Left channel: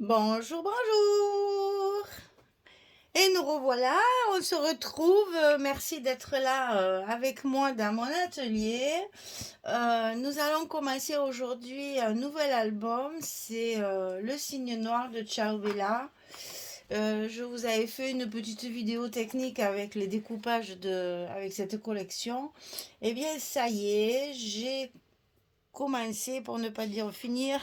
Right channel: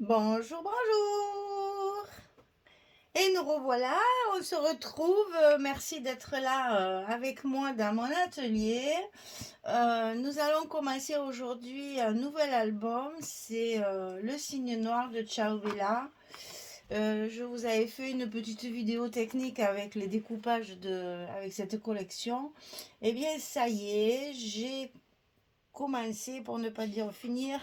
Bonjour, bonjour. Et nous revoilà, on se retrouve. Merci d'être là avec moi dans mon atelier. Nous allons commencer aujourd'hui un nouvel album. C'est Le Cygne Noir de Ciao Bella. Je vous avais fait une petite vidéo technique avec les découpages avec cette collection. Eh bien, ça y est, j'ai commencé, pour ne pas dire finir.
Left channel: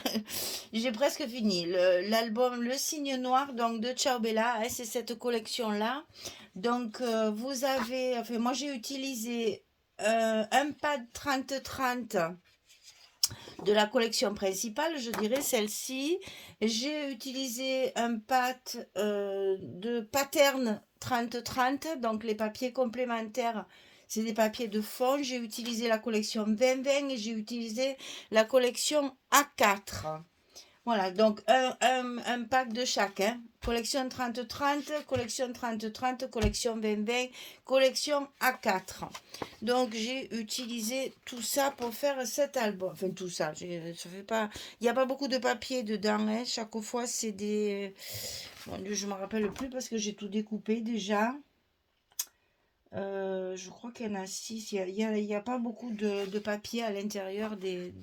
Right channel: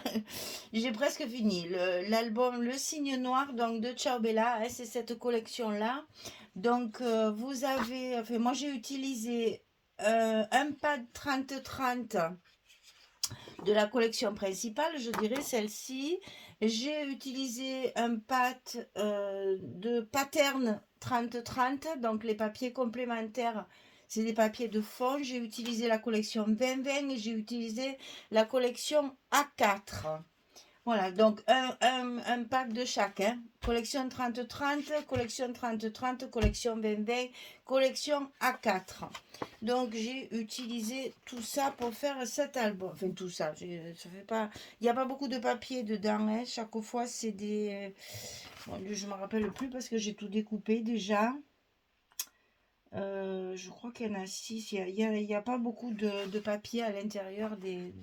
J'ai presque fini l'album Le Cygne Noir donc de Ciao Bella, hein, c'est cette collection là. Donc vous avez, enfin moi j'ai utilisé un pad 30-30 de la collection principale, je dirais celle-ci. J'ai utilisé un pad de pattern 30-30, donc les papiers complémentaires, c'est des papiers de fond. J'ai utilisé la collection 20-20 et j'ai utilisé la collection A4. Voilà, donc un pack de chaque, hein. Collection 30-30, collection 30-30, collection 20-20, collection A4. Donc j'ai utilisé tout ça pour faire cet album. Enfin tout ça, ça fait pas, il n'y a pas beaucoup de papier dedans, hein. Chaque fois c'est des... Bon, je ne me rappelle plus parce que j'ai tout découpé déjà. Je crois qu'il y en a 6. Il y a pas beaucoup de papier à l'intérieur des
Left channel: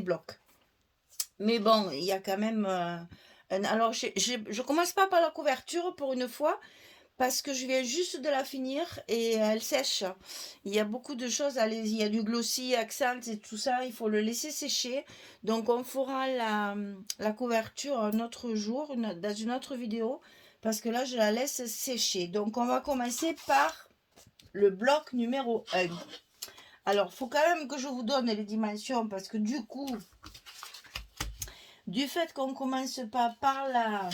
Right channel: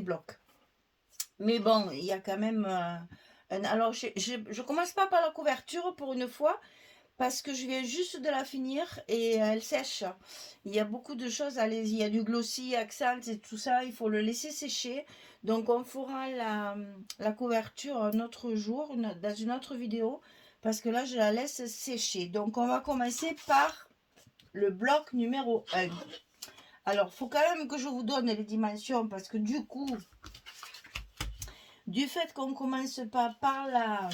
blocs. Mais bon, il y a quand même... alors, je commence pas par la couverture pour une fois, parce que je viens juste de la finir et elle sèche. Il y a beaucoup de choses, il y a du glossy, accent et tout ça, il faut le laisser sécher. Donc on fera la couverture un autre jour, dans une autre vidéo, parce que là je la laisse sécher. Donc on va commencer par le bloc numéro 1. Alors, il faut quand même que je vous donne les dimensions, parce que du coup, du fait qu'on ne commence pas par la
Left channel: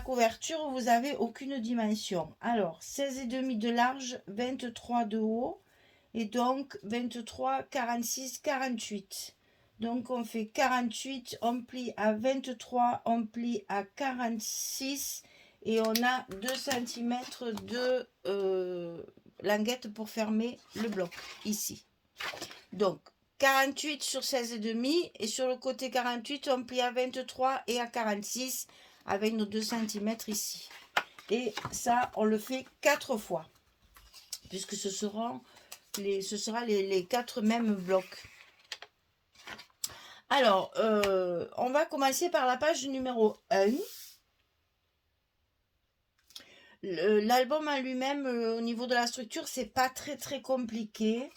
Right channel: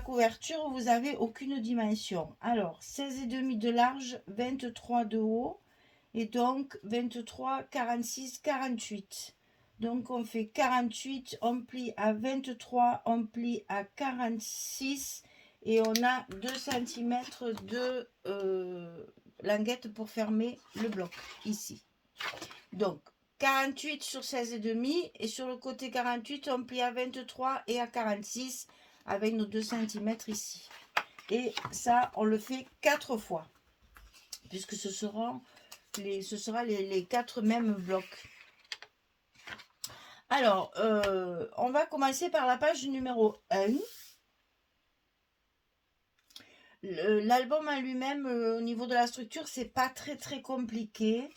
couverture, vous n'avez aucune dimension. Alors, 16,5 de large, 23 de haut, et donc 23, 46, 48. Donc, on fait 48, on plie à 23, on plie à 46, et on a 2 cm de languette pour fermer le bloc, ici. Donc, 48 sur 16,5 et sur le côté 48, on plie à 23 et à 46 avec nos 2 cm ici. Et ça, on le fait 4 fois, puisque ce sera les 4 mêmes blocs. Alors, on va commencer par la page numéro 1. L'album en lui-même, au niveau de la structure, c'est pas très compliqué.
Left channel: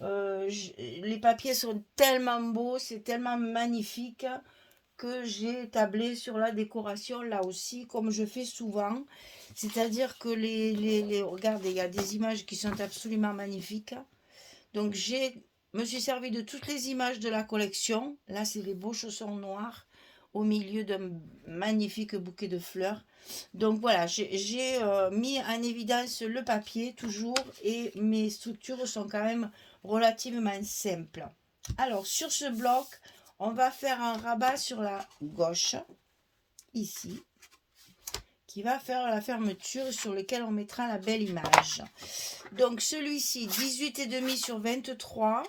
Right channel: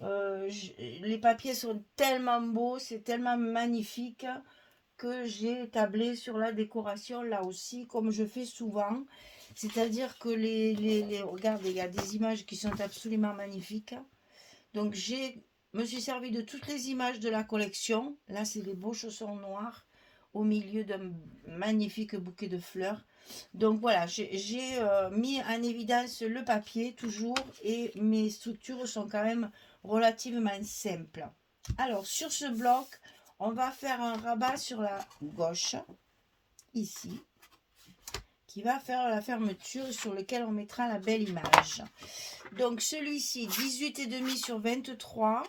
Les papiers sont tellement beaux, c'est tellement magnifique que j'ai tablé sur la décoration là aussi, comme je fais souvent. C'est-à-dire que regardez, il y a des images qui sont absolument magnifiques. Donc me suis servi de toutes les images de la collection. Là, c'est les beaux chaussons noirs au milieu d'un magnifique bouquet de fleurs. Donc voilà, j'ai mis en évidence le papier toujours, et mes structures sont quand même relativement simples. Alors sur ce bloc, on va faire un rabat sur la gauche, ici, qui va faire la fermeture sur lequel on mettra la belle image. Donc celui-ci, 18,5 sur 23.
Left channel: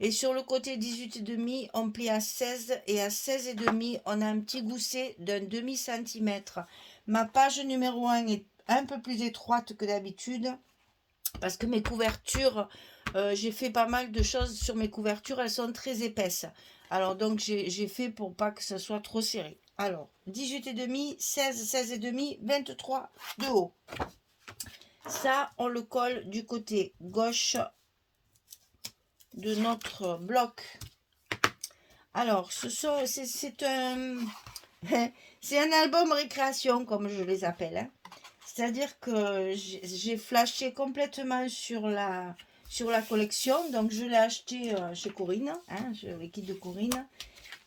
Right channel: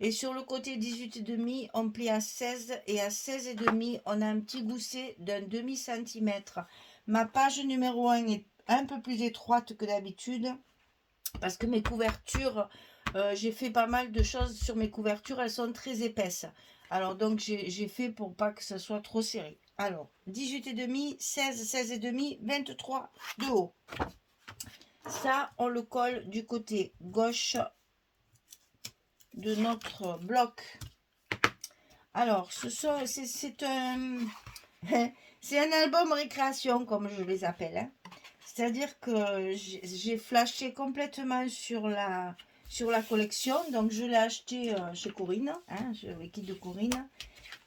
Et sur le côté 18,5, on plie à 16. Et à 16,5, on a un petit gousset d'un demi-centimètre. Ma page numéro 1 est un peu plus étroite que d'habitude, parce que mes couvertures, j'ai fait pas mal de choses sur mes couvertures, elles sont très épaisses. Alors donc j'ai fait pour pas que ça soit trop serré. Alors 18,5, 16, 16,5, 23 de haut. Ça, on le colle du côté gauche de notre bloc. Alors, c'est un, c'est un album récréation, comme je les appelle, hein. C'est-à-dire que j'ai flashé complètement sur la collection. Donc, je l'ai acheté chez Corinne, hein, le kit de Corinne.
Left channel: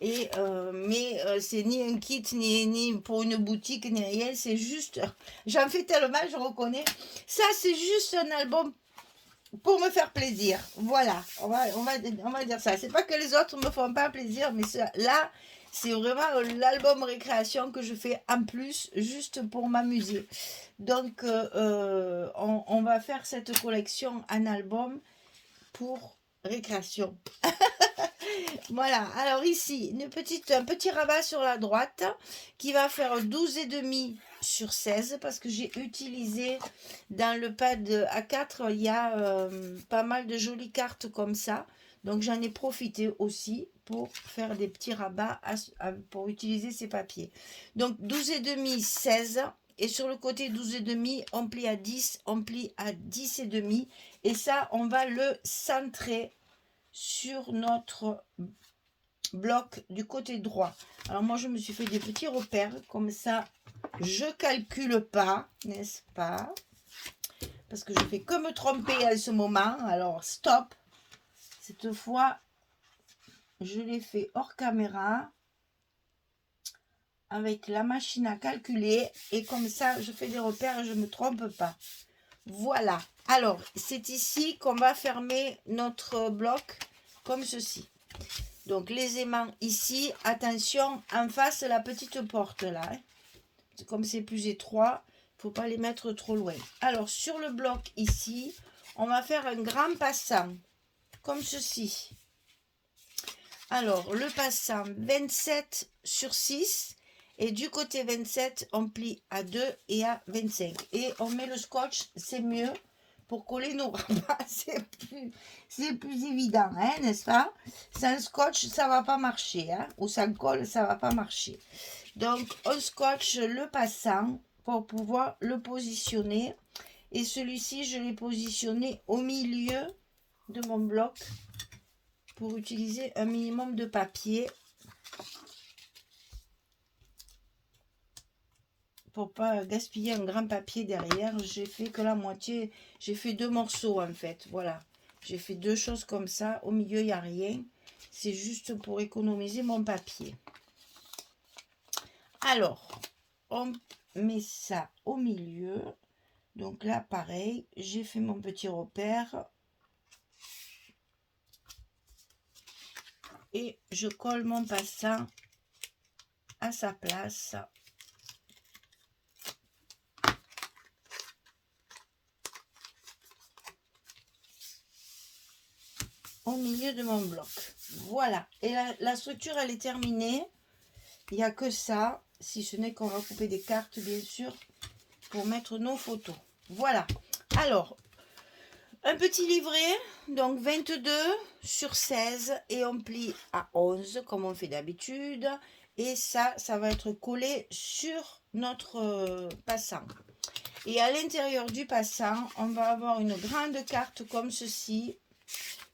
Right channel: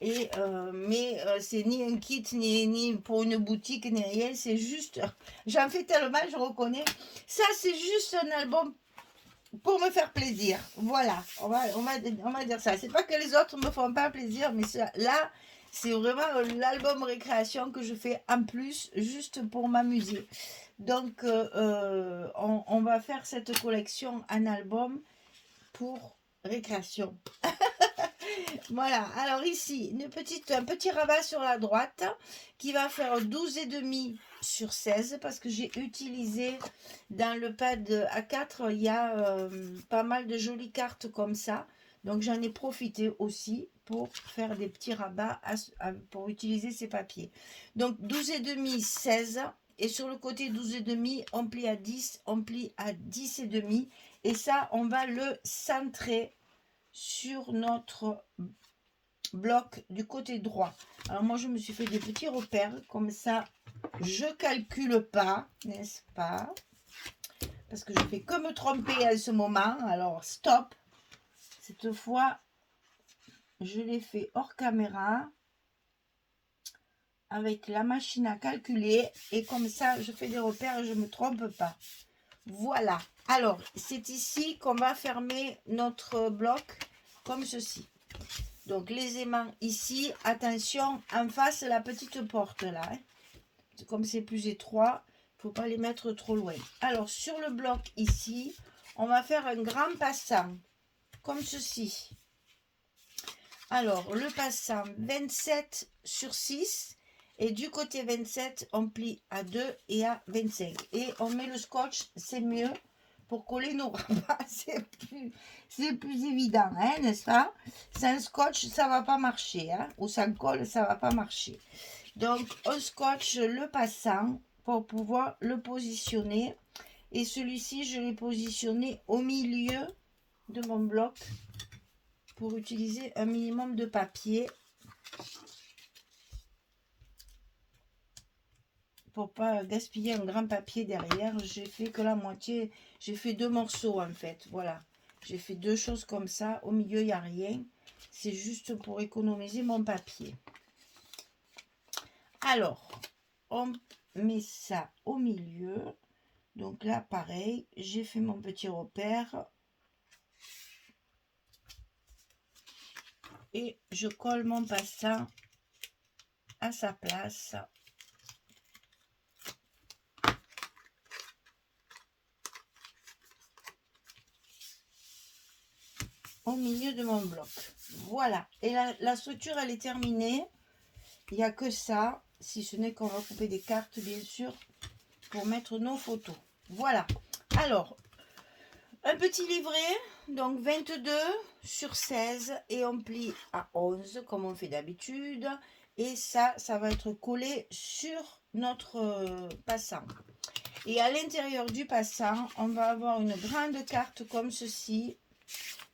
Et, mais c'est ni un kit, ni pour une boutique, ni rien. C'est juste, j'en fais tellement, je reconnais. Ça, c'est juste un album pour me faire plaisir. Voilà, on va dire ça. C'est pas que les autres me font pas plaisir, mais là, c'est vraiment l'album récréation que je fais en plus, juste pour m'amuser. Donc, on va faire cette collection en album pour récréation. Voilà, alors ici, un petit rabat sur la droite qui va faire 12,5 sur 16 parce que j'ai utilisé dans le pad A4, il y a pas mal de jolies cartes comme ça. Donc j'en ai profité aussi pour faire des petits rabats pour utiliser ces papiers. Donc 12,5, 16. Et sur le côté 12,5, on plie à 10, on plie à 10,5. Et ça, on va le centrer sur notre bloc du côté droit. Alors moi, je me suis fait des petits repères. Comme ça, je calcule pas, n'est-ce pas? Parce que je fais que me tromper à ce moment. Alors, stop. Cette fois, je l'ai fait hors caméra avec la machine à calculer. Et comme ça, je fais des repères et je ne me trompe pas. Voilà. Alors, c'est ici qu'on va fermer notre bloc comme ceci. Donc, les aimants ici. Attention, en face, la petite porte là. Hein. Comme c'est plus étroit, il ne faut pas les mettre trop loin. Alors, sur le bloc ici, on va faire un grand passant. Comme ceci. Alors, le passant 27 sur 6. Et du côté 27, on plie à 2 et à 25. Et on met le scotch, c'est mieux pour coller nos rabats. C'est plus évident, hein, n'est-ce pas? Sans scotch, ça ne va pas marcher. Hein, ou sans colle, ça ne va pas marcher. Donc, on scotche le passant pour pouvoir le positionner. Et celui-ci, je l'ai positionné au milieu de mon bloc pour utiliser un minimum de papier. Pour pas gaspiller un grand papier derrière, j'ai fait que la moitié, j'ai fait 2 morceaux en fait, voilà. J'ai fait 2 choses comme ça, au milieu il n'y a rien, c'est juste pour économiser mon papier. Alors, on met ça au milieu, donc là pareil, j'ai fait mon petit repère. Et je colle mon passant à sa place. Au milieu de mon bloc. Voilà. Et la structure, elle est terminée. Il n'y a que ça, si ce n'est qu'on va couper des cartes, bien sûr, pour mettre nos photos. Voilà. Alors, un petit livret, donc 22 sur 16, et on plie à 11, comme on fait d'habitude. Et ça va être collé sur notre passant. Et à l'intérieur du passant, on va avoir une grande carte comme ceci,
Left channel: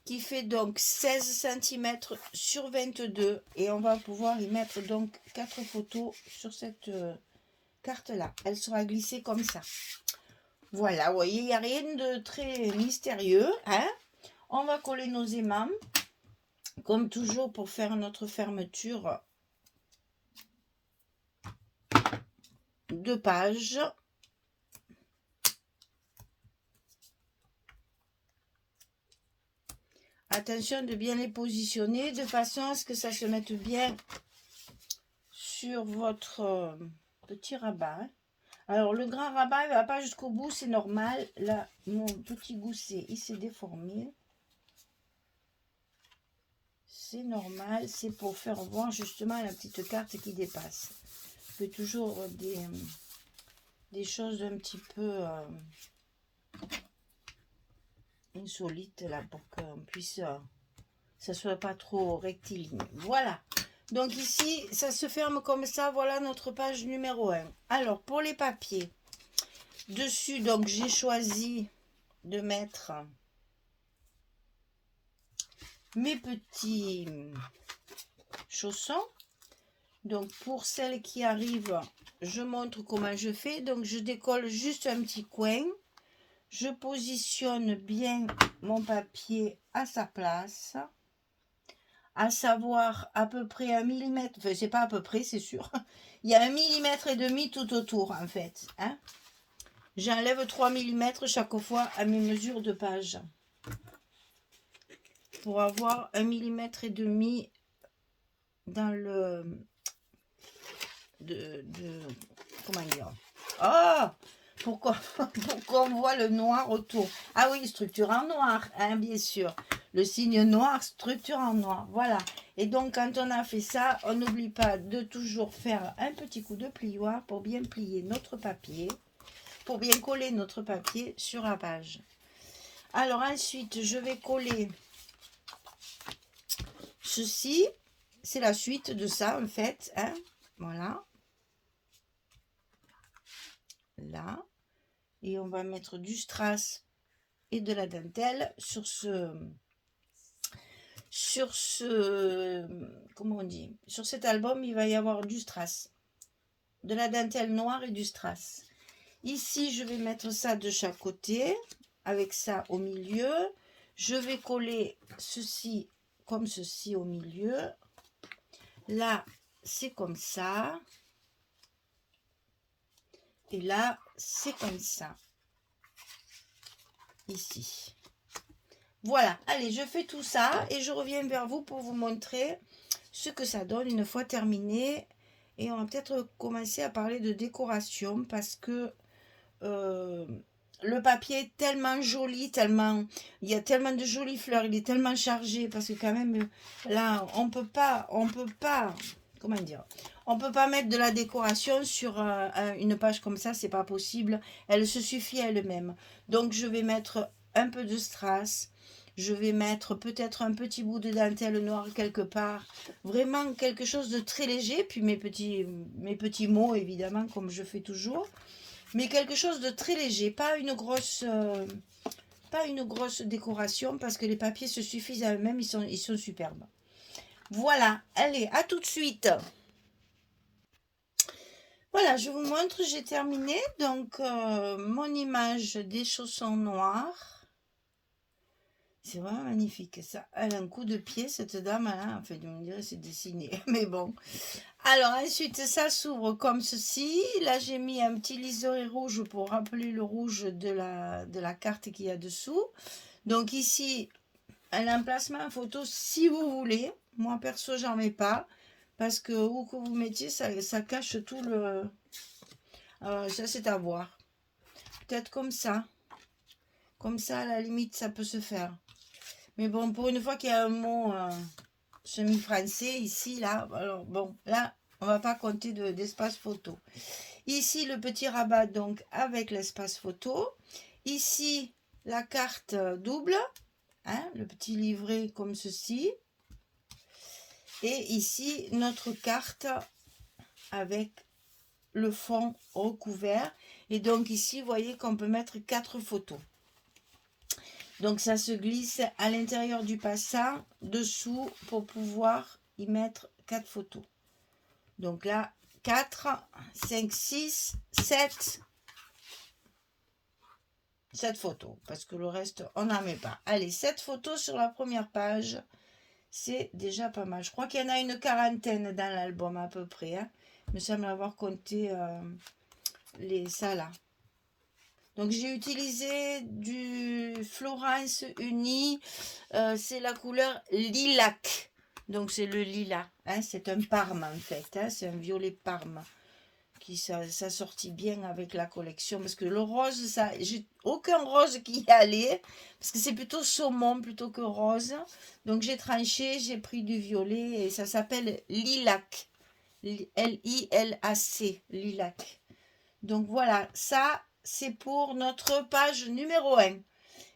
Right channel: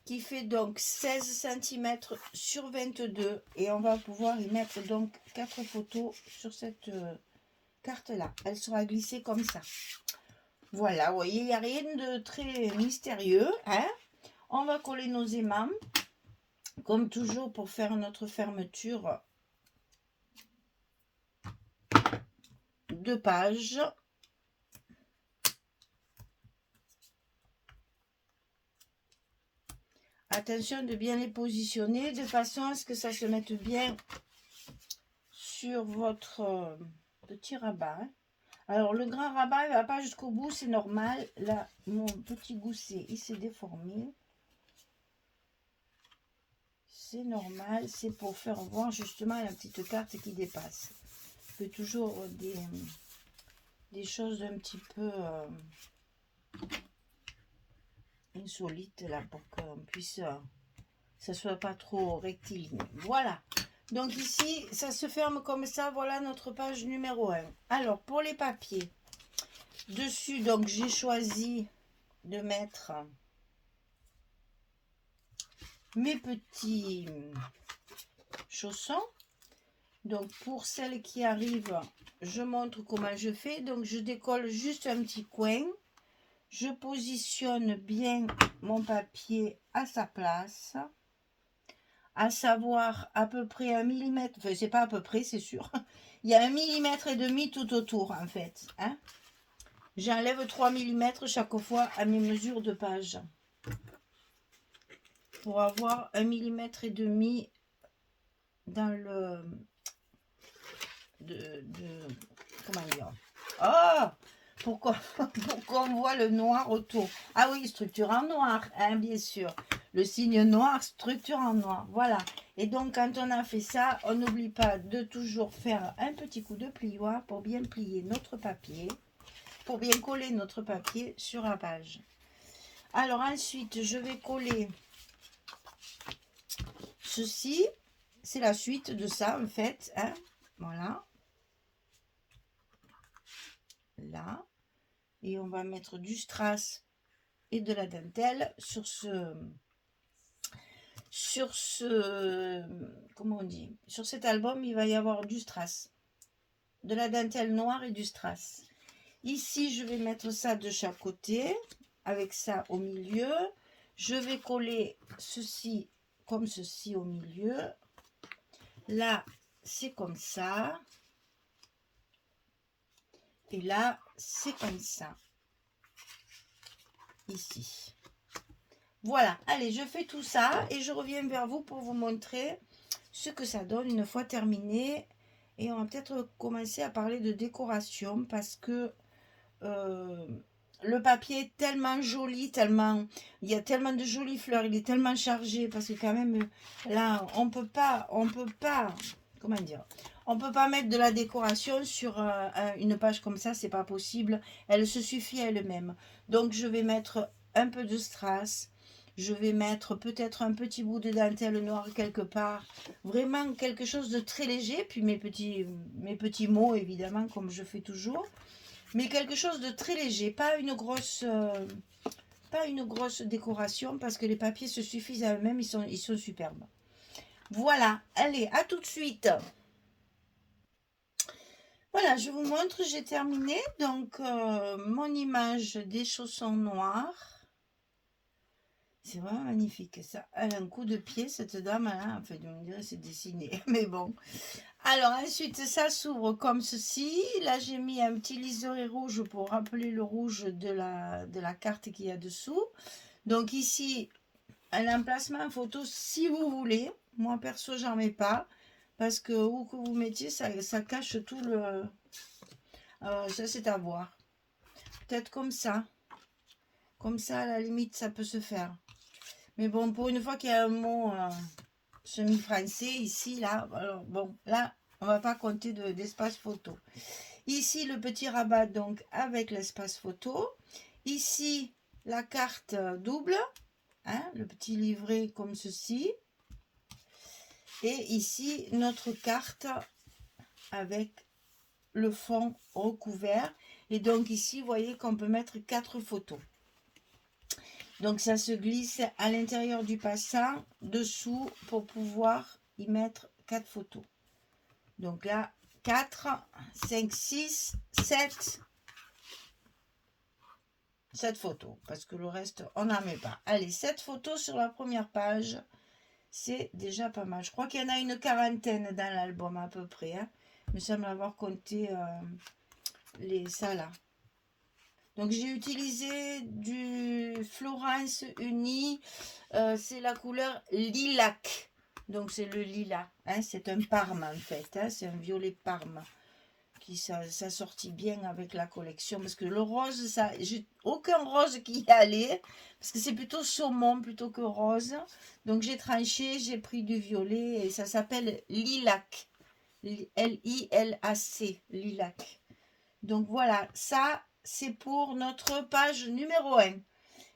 qui fait donc 16 cm sur 22 et on va pouvoir y mettre donc 4 photos sur cette carte là. Elle sera glissée comme ça. Voilà, vous voyez, il n'y a rien de très mystérieux. Hein. On va coller nos aimants comme toujours pour faire notre fermeture de page. Attention de bien les positionner de façon à ce que ça se mette bien sur votre petit rabat. Alors le grand rabat il ne va pas jusqu'au bout, c'est normal. Là, mon petit gousset, il s'est déformé. C'est normal, c'est pour faire voir justement la petite carte qui dépasse. Je fais toujours des choses un petit peu insolite là pour qu'on puisse ça soit pas trop rectiligne. Voilà, donc ici ça se ferme comme ça. Voilà notre page numéro 1. Alors pour les papiers dessus, donc j'ai choisi de mettre mes petits chaussons. Donc pour celles qui arrivent, je montre comment je fais. Donc je décolle juste un petit coin. Je positionne bien mon papier à sa place, à savoir à peu près 1 mm, enfin c'est pas à peu près, c'est sûr, il y a 1,5 mm tout autour en fait. Hein. J'enlève 3 mm chaque fois à mes mesures de page, pour avoir 1,5 mm dans le... comment dire, oh, pourquoi on voit le noir autour. Ah oui, structure en noir, hein, bien sûr. le signe noir, structure en noir. Voilà. Et donc, quand on a fait ça, on n'oublie pas de toujours faire un petit coup de plioir pour bien plier notre papier, pour bien coller notre papier sur la page. Alors ensuite, je vais coller ceci. C'est la suite de ça, en fait. Hein. Voilà. Là. Et on va mettre du strass et de la dentelle sur comment on dit, sur cet album. Il va y avoir du strass, de la dentelle noire et du strass. Ici je vais mettre ça de chaque côté avec ça au milieu. Je vais coller ceci comme ceci au milieu. Là c'est comme ça et là c'est comme ça ici. Voilà, allez, je fais tout ça et je reviens vers vous pour vous montrer ce que ça donne une fois terminé. Et on va peut-être commencer à parler de décoration parce que le papier est tellement joli, tellement, il y a tellement de jolies fleurs, il est tellement chargé parce que quand même là, on peut pas, comment dire, on peut pas mettre de la décoration sur une page comme ça, c'est pas possible. Elle se suffit à elle-même. Donc je vais mettre un peu de strass. Je vais mettre peut-être un petit bout de dentelle noire quelque part. Vraiment quelque chose de très léger. Puis mes petits mots, évidemment, comme je fais toujours. Mais quelque chose de très léger. Pas une grosse décoration parce que les papiers se suffisent à eux-mêmes. Ils sont superbes. Voilà. Allez, à tout de suite. Voilà, je vous montre. J'ai terminé. Donc, mon image des chaussons noirs. C'est vraiment magnifique. Ça, elle a un coup de pied, cette dame. Hein, enfin, on dirait c'est dessiné. Mais bon. Alors, ensuite, ça s'ouvre comme ceci. Là, j'ai mis un petit liseré rouge pour rappeler le rouge de la carte qu'il y a dessous. Donc, ici, un emplacement photo si vous voulez. Moi, perso, j'en mets pas. Parce que où que vous mettiez, ça cache tout le... ça, c'est à voir. Peut-être comme ça. Comme ça, à la limite, ça peut se faire. Mais bon, pour une fois qu'il y a un mot semi-français ici, là, alors bon, là, on va pas compter d'espace photo. Ici, le petit rabat, donc, avec l'espace photo. Ici, la carte double, hein, le petit livret comme ceci. Et ici, notre carte avec le fond recouvert. Et donc, ici, vous voyez qu'on peut mettre 4 photos. Donc, ça se glisse à l'intérieur du passant, dessous, pour pouvoir y mettre 4 photos. Donc là, 4, 5, 6, 7. 7 photos, parce que le reste, on n'en met pas. Allez, 7 photos sur la première page. C'est déjà pas mal. Je crois qu'il y en a une quarantaine dans l'album à peu près. Hein. Il me semble avoir compté ça là. Donc j'ai utilisé du Florence Uni, c'est la couleur lilac. Donc c'est le lilas, hein, c'est un parme en fait, hein, c'est un violet parme qui ça sortit bien avec la collection parce que le rose, ça, j'ai aucun rose qui y allait parce que c'est plutôt saumon plutôt que rose. Donc j'ai tranché, j'ai pris du violet et ça s'appelle lilac, L-I-L-A-C, lilac. Donc voilà, ça c'est pour notre page numéro 1.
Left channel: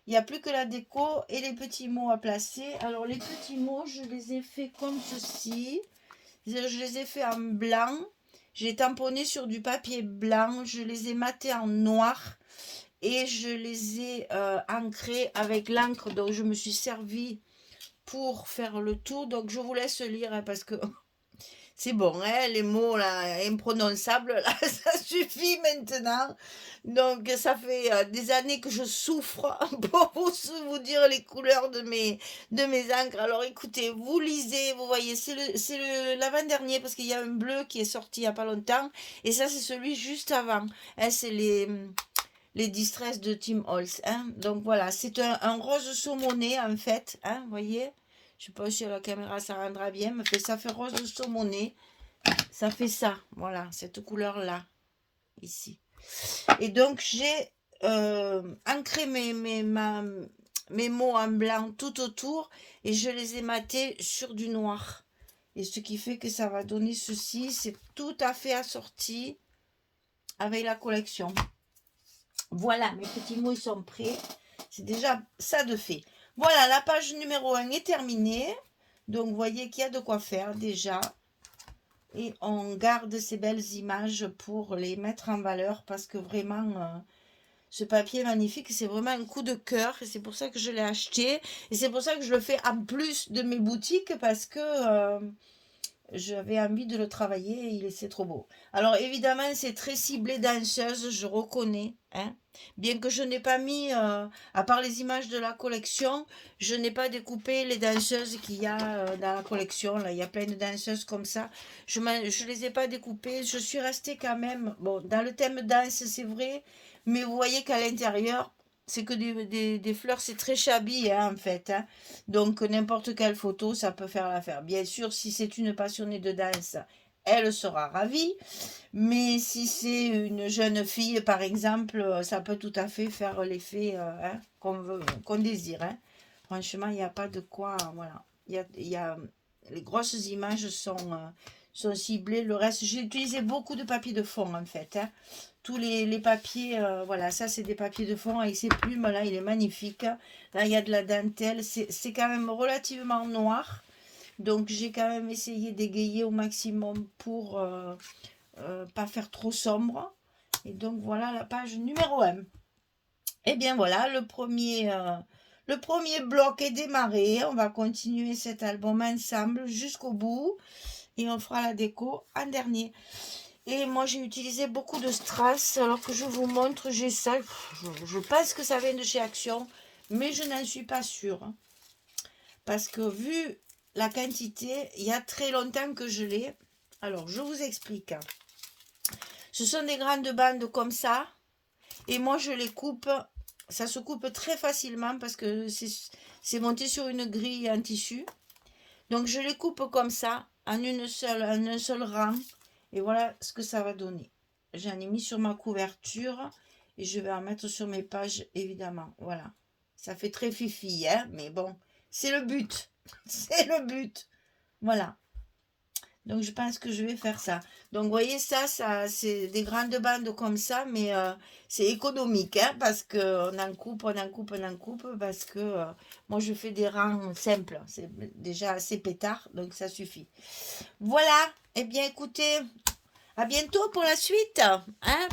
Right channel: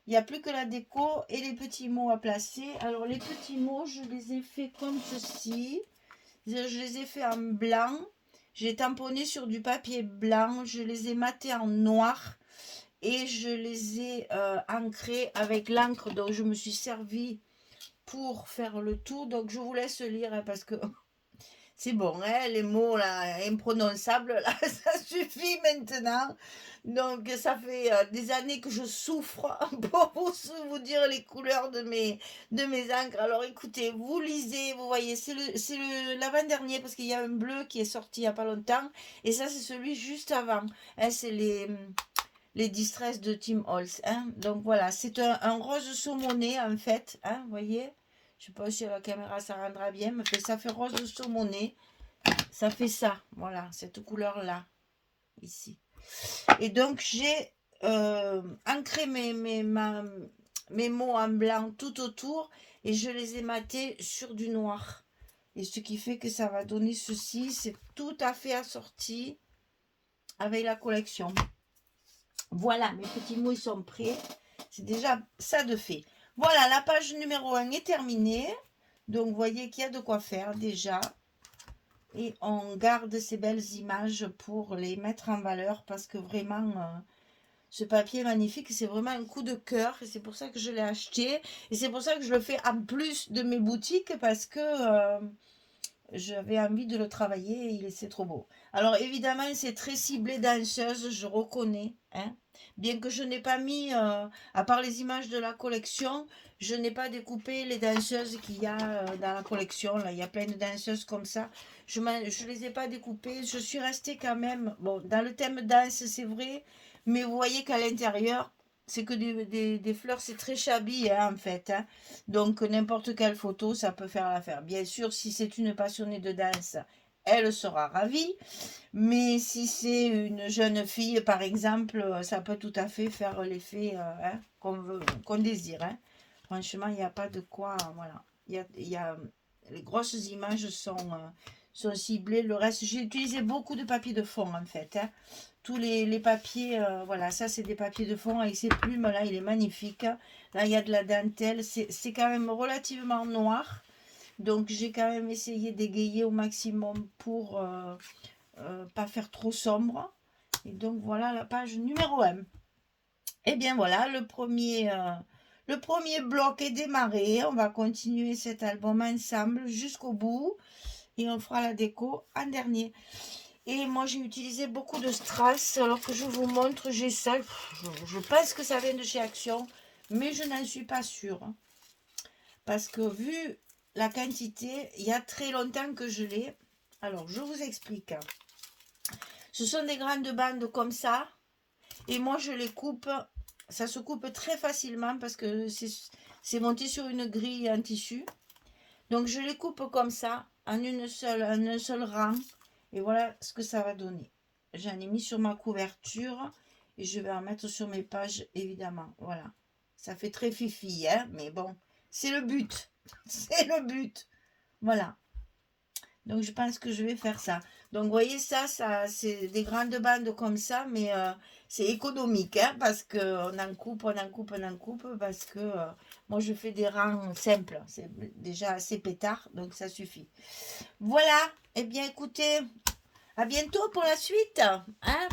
Il n'y a plus que la déco et les petits mots à placer. Alors les petits mots, je les ai fait comme ceci. Je les ai fait en blanc. J'ai tamponné sur du papier blanc. Je les ai matés en noir. Et je les ai ancrés avec l'encre dont je me suis servi pour faire le tour. Donc je vous laisse lire hein, parce que... C'est bon, hein, les mots là, imprononçables, là, ça suffit maintenant. Donc, ça fait des années que je souffre pour vous dire les couleurs de mes encres. Alors, écoutez, vous lisez, vous voyez, c'est l'avant-dernier parce qu'il y a un bleu qui est sorti il n'y a pas longtemps. Et ça, c'est celui juste avant. Hein, c'est les Distress de Tim Holtz. Hein. Donc, voilà, c'est un rose saumoné en fait. Hein, vous voyez? Je ne sais pas si à la caméra ça rendra bien, mais ça fait rose de saumoné. Ça fait ça, voilà, cette couleur-là, ici. Et donc, j'ai ancré mes mes mots en blanc tout autour et je les ai matés sur du noir. Et ce qui fait que ça va donner ceci. C'est tout à fait assorti avec la collection. Voilà, mes petits mots ils sont prêts. C'est déjà ça de fait. Voilà, la page numéro 1 est terminée. Donc, vous voyez qu'il y a de quoi faire déjà. Et on garde ces belles images pour les mettre en valeur parce que vraiment, ce papier magnifique, c'est vraiment un coup de cœur. Et c'est pour ça que je l'ai acheté. Et c'est pour ça que je le fais en plus de mes boutiques parce que j'avais envie de le travailler et c'est trop beau. Alors évidemment, c'est très ciblé danseuse, je reconnais. Hein. Bien que je n'ai pas mis, à part les images de la collection, je n'ai pas découpé les danseuses qu'il y a dans la collection. Là, il y a plein de danseuses comme ça. Je ne les ai pas découpées. Je suis restée quand même, bon, dans le thème danse, c'est vrai. Mais vous voyez qu'à l'intérieur, c'est que des fleurs, c'est très shabby hein, en fait. Hein. Donc n'importe quelle photo, ça peut faire l'affaire. Bien sûr, si c'est une passionnée de danse, elle sera ravie. Mais si c'est une jeune fille, par exemple, ça peut tout à fait faire l'effet hein, qu'on désire. Hein. Franchement, il n'y a pas de quoi. Voilà. Les grosses images sont ciblées. Le reste, j'ai utilisé beaucoup de papier de fond en fait. Hein. Tous les papiers, voilà, ça c'est des papiers de fond avec ces plumes là, il est magnifique. Là, il y a de la dentelle, c'est quand même relativement noir. Donc, j'ai quand même essayé d'égayer au maximum pour pas faire trop sombre. Et donc, voilà la page numéro 1. Et bien voilà, le premier bloc est démarré. On va continuer cet album ensemble jusqu'au bout. Et on fera la déco en dernier. Et moi, j'ai utilisé beaucoup de strass. Alors que je vous montre, j'ai ça. Je pense que ça vient de chez Action. Mais je n'en suis pas sûre. Hein. Parce que vu la quantité, il y a très longtemps que je l'ai. Alors, je vous explique. Ce sont des grandes bandes comme ça. Et moi, je les coupe. Ça se coupe très facilement parce que c'est monté sur une grille en tissu. Donc, je les coupe comme ça, en un seul rang. Et voilà ce que ça va donner. J'en ai mis sur ma couverture. Et je vais en mettre sur mes pages, évidemment. Voilà. Ça fait très fifi, hein. Mais bon, c'est le but. C'est le but. Voilà. Donc, je pense que je vais faire ça. Donc, vous voyez, ça c'est des grandes bandes comme ça, mais c'est économique, hein, parce qu'on en coupe, on en coupe, on en coupe, parce que moi, je fais des rangs simples. C'est déjà assez pétard, donc ça suffit. Voilà. Eh bien, écoutez, à bientôt pour la suite, hein,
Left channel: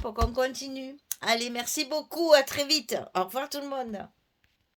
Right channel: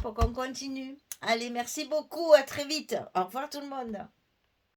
pour qu'on continue. Allez, merci beaucoup, à très vite. Au revoir tout le monde.